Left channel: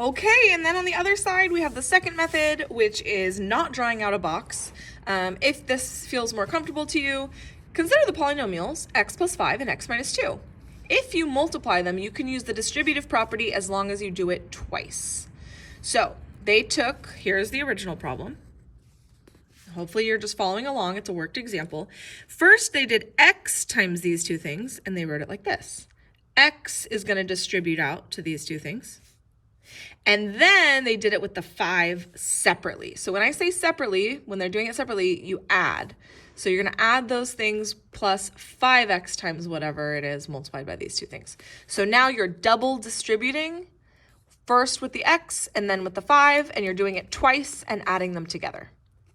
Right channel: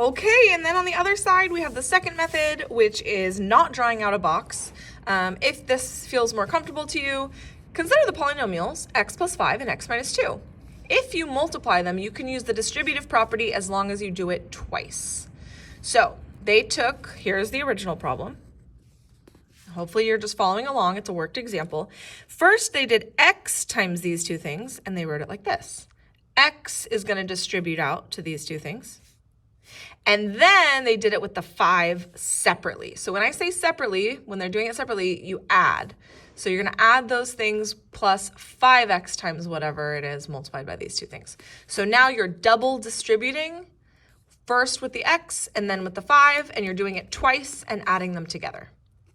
Okay, and then on the other side, we have the second method, which is not drawing out a box. If this feels more comfortable to you, consider the polynomials x plus 5 and x minus 2. If you multiply them, you can use the distributive property as long as you do it twice. So they took, here's the original problem. Hopefully you're just following along. It's a worked example. First, they did x times these two things, and they wrote it like this. X is going to distribute out to these two things. And then they did it with the 5 separately. So when I say separately, when they're doing it separately, you add. So you're going to add those things plus 5x times whatever it is multiplied by these two things. So now you're double distributing, first with the x and then with the 5, and you're doing it twice and adding them together.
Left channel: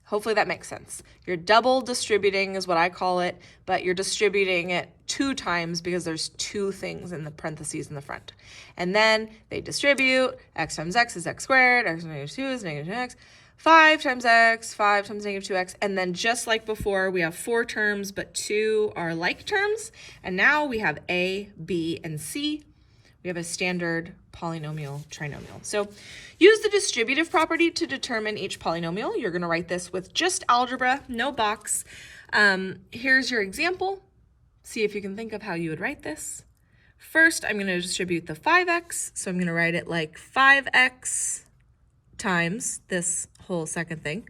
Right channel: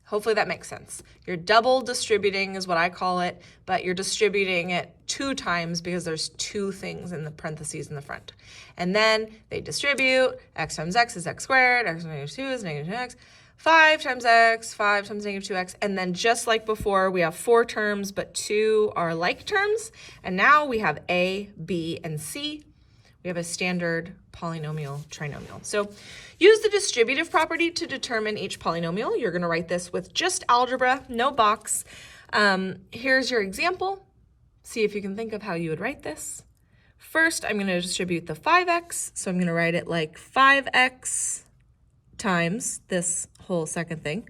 Hopefully that makes sense. You're double distributing is what I call it, but you're distributing it 2 times because there's 2 things in the parentheses in the front. And then they distribute, x times x is x squared, x minus 2 is negative 2x, 5 times x, 5 times negative 2x, and then just like before, we have 4 terms, but 2 are like terms, and now we have a, b, and c. We have a standard polynomial trinomial. So use the distributive property to determine each polynomial. You're going to write this with just algebra, no box. Here's your example. See if you can think of how you would write this. First, I'm going to distribute the 5x, so I'm going to write it like 5x times this whole second thing,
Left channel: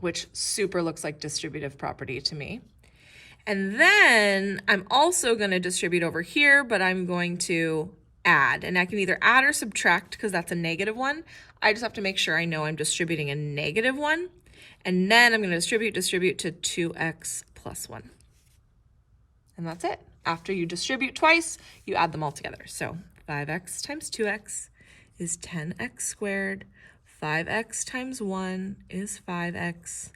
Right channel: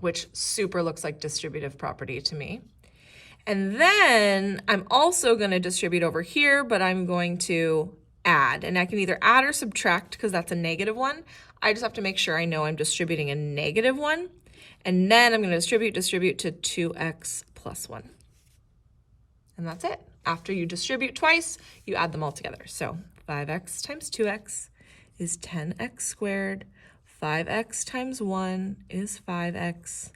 which super looks like distributive property to me. And then I'm also going to distribute over here, but I'm going to add. And I can either add or subtract because that's a negative one. I just have to make sure I know I'm distributing a negative one. And then I'm going to distribute to 2x plus 1. And that's it. After you distribute twice, you add them all together. So 5x times 2x is 10x squared. 5x times 1 is 5x.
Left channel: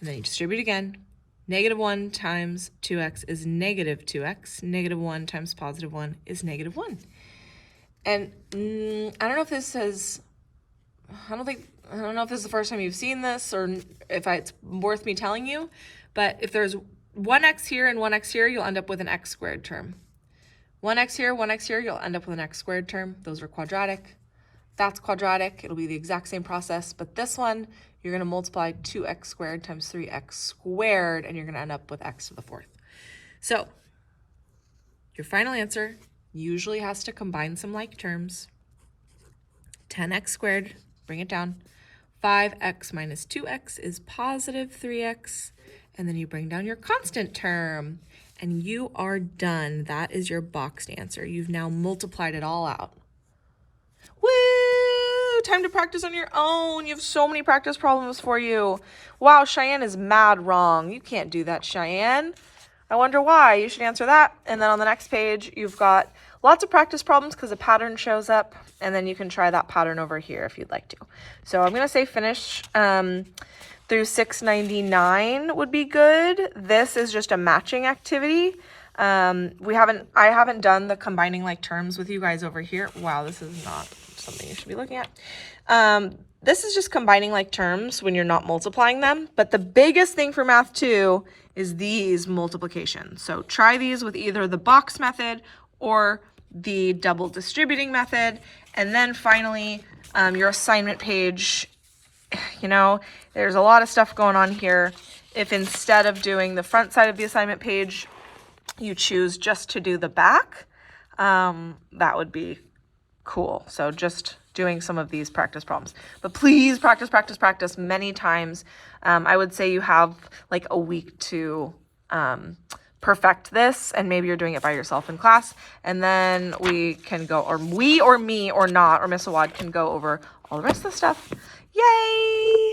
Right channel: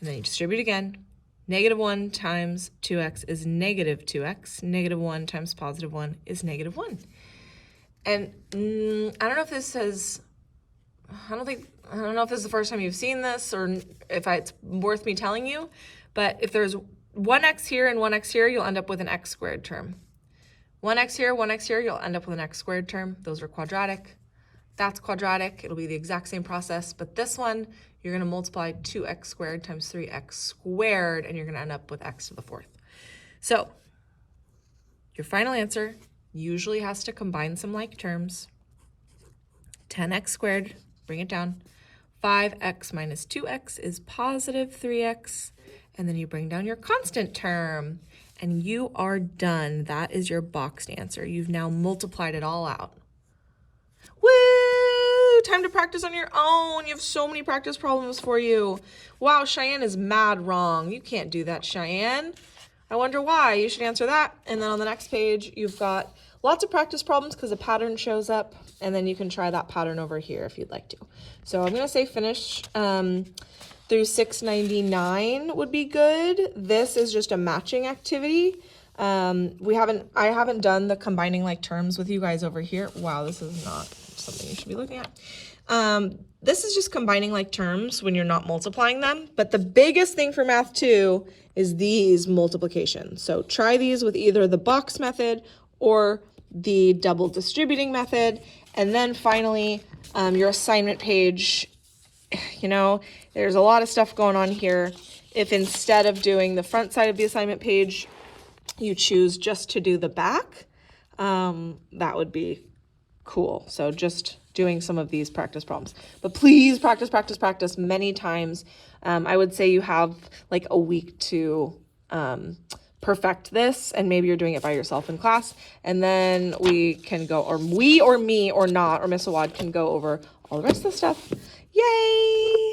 And then you distribute again. Negative 1 times 2x is negative 2x. Negative 1 times positive 1 is negative 1. And I don't know if this is, I don't know if this is the first time you've seen this or if it's worth me telling you, but if there's 1x here and 1x here, you'll end up with an x squared term. 1x here, you'll end up with an x squared term. Those are quadratic. That's quadratic. It'll be the exact same process, but this one, you're going to multiply 2x squared times 3x squared, and you're going to end up with x to the 4th. So your final answer usually has to combine some like terms. 10x squared, bring it down. 5x minus 2x is positive 3x, and then you bring down your constant term, and you are done. That is your boxed answer. You've now multiplied it all out. Woo! Time to practice on your own. You have so many practice problems for you. Wow, Cheyenne is mad wrong. You can't do that, Cheyenne. I wonder why. You should answer that. And then on the next page, you've got lots of practice problems because a pattern shows up. And then you can try that pattern over here if you'd like to. So I'm going to say finish through 699 would be good. This is just a matching activity. I haven't done the combining like terms with you guys over here. Wow, this is not something you should be looking at. This is just combining like terms when you're not multiplying them. But the biggest thing for math 2 is these multiplications. So try these with either the box method or the double distributing method. And then finally, your assignment page, you know, there's a lot of stuff going on here. If instead of doing the front side of the assignment page, you choose just to do the back, that would be cool. So just doing some of these practice problems, but please practice many times. I would say you have like a week to perfect this, and maybe you're doing it by yourself in class, and then we can go, or we or me or not, or Miss Awad can go over all the rest of the stuff. Yay!